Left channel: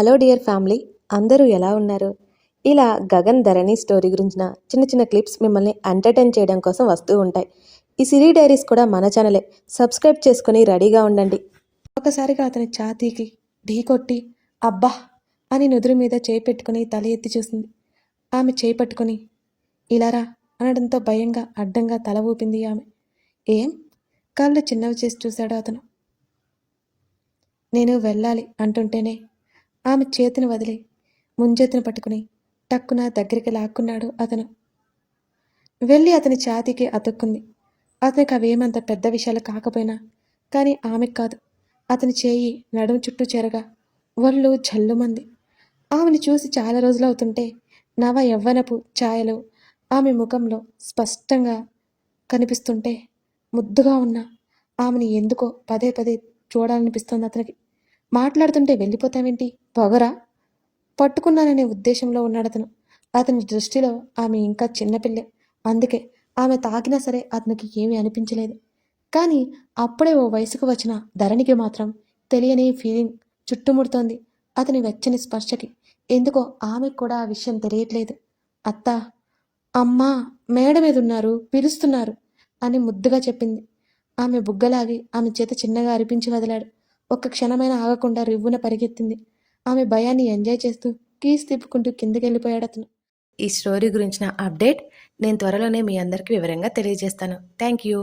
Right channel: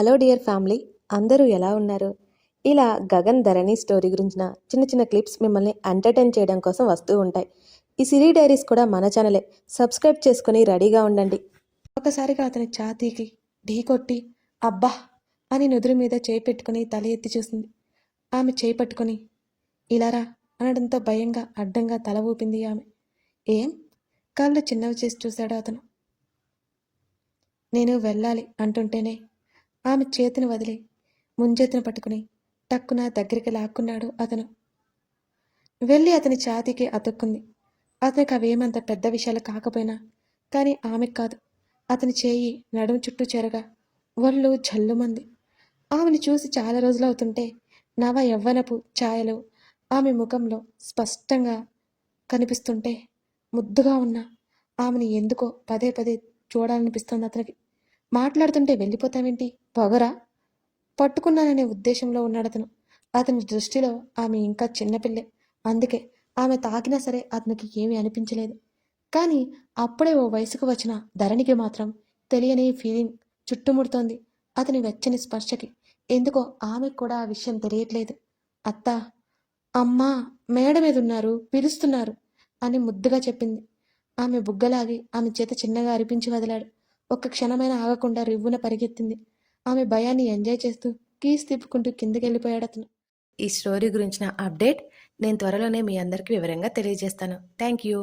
Hello dear family అందరూ ఎలా ఉన్నారు? ఇలా గగన్ ధరణి స్టోరీ గురించిన చిన్న చిన్న క్లిప్స్ మిమ్మల్ని ఎంటర్టైన్ చేయడం కోసం వస్తూ ఉంటాయి. ఈ సిరీ డైరీస్ కూడా మన ఛానలే. సబ్స్క్రైబ్ చేసుకుని రెడీగా ఉండండి. ఒకసారిగా అతని ఛాతీకి ఢీ కొట్టి అబ్బా! అని నుదురు మీద చేయి పెట్టుకుని తల ఎత్తి చూసింది. ఆమె చేయి పట్టుకుని ఇలారా అనడంతో భయంగా అడ్డంగా తల ఊపింది ఆమె. ఏం? కాళ్ళు చిన్నవి చేసి చూశాడు అతను. నేను వెళ్ళాలి అంటుంటేనే ఆమె చేతిని వదిలి. ముంజేతిని పట్టుకుని టక్కున దగ్గరికి లాక్కున్నాడు అతను. వెళ్ళి అతని ఛాతీకి అతుక్కుంది. అతనికి అవేమంత పెద్ద విషయాలు కాకపోయినా కానీ ఆమెకు కాదు. అతని చేయి నడుము చుట్టూ చేరగా ఒళ్ళు జల్లుమంది ఆమెను చూసి చాలా రోజులు అవుతుంటే నవ యవ్వనపు ఛాయలు ఆమె ముఖంలో స్పష్టంగా కనిపిస్తుంటే ముద్దుగా ఉన్న. ఆమెను ఎందుకో పదే పదే చూడాలనిపిస్తోంది అతనికి. మాట్లాడుతుంటే వెళ్ళిపోతావేంటి? పొగరా పట్టుకున్నాననే ఉద్దేశంలో ఉన్నాడు అతను. అతని దృష్టిలో ఆమె ఇంకా చిన్నపిల్లే అందుకే ఆమె తాకినా సరే అతనికి ఏమీ అనిపించలేదు. కానీ అప్పుడే ఓ వయసుకు వచ్చిన ధరణికి మాత్రం తెలియని ఫీలింగ్ చుట్టుముడుతోంది అతని వెచ్చని స్పర్శకి. ఎందుకో ఆమెకు కూడా ఆ విషయం తెలియట్లేదు. అత్త అమ్మా మేడ మీద ఉన్నారు పిలుస్తున్నారు అని ముద్దుగా చెప్పింది. ఆమె బుగ్గలాగి ఆమె చేత చిన్నగా అరిపించి వదిలాడు. ఒక్క క్షణమైన ఆగకుండా రివ్వున పరిగెత్తింది. ఆమె భయాన్ని ఎంజాయ్ చేస్తూ కీస్ తిప్పుకుంటూ కిందకెళ్ళిపోయాడు అతను. ఈ స్టోరీ గురించిన అప్డేట్ నేను త్వరలోనే మీ అందరికీ వివరంగా తెలియజేస్తాను. Thank you.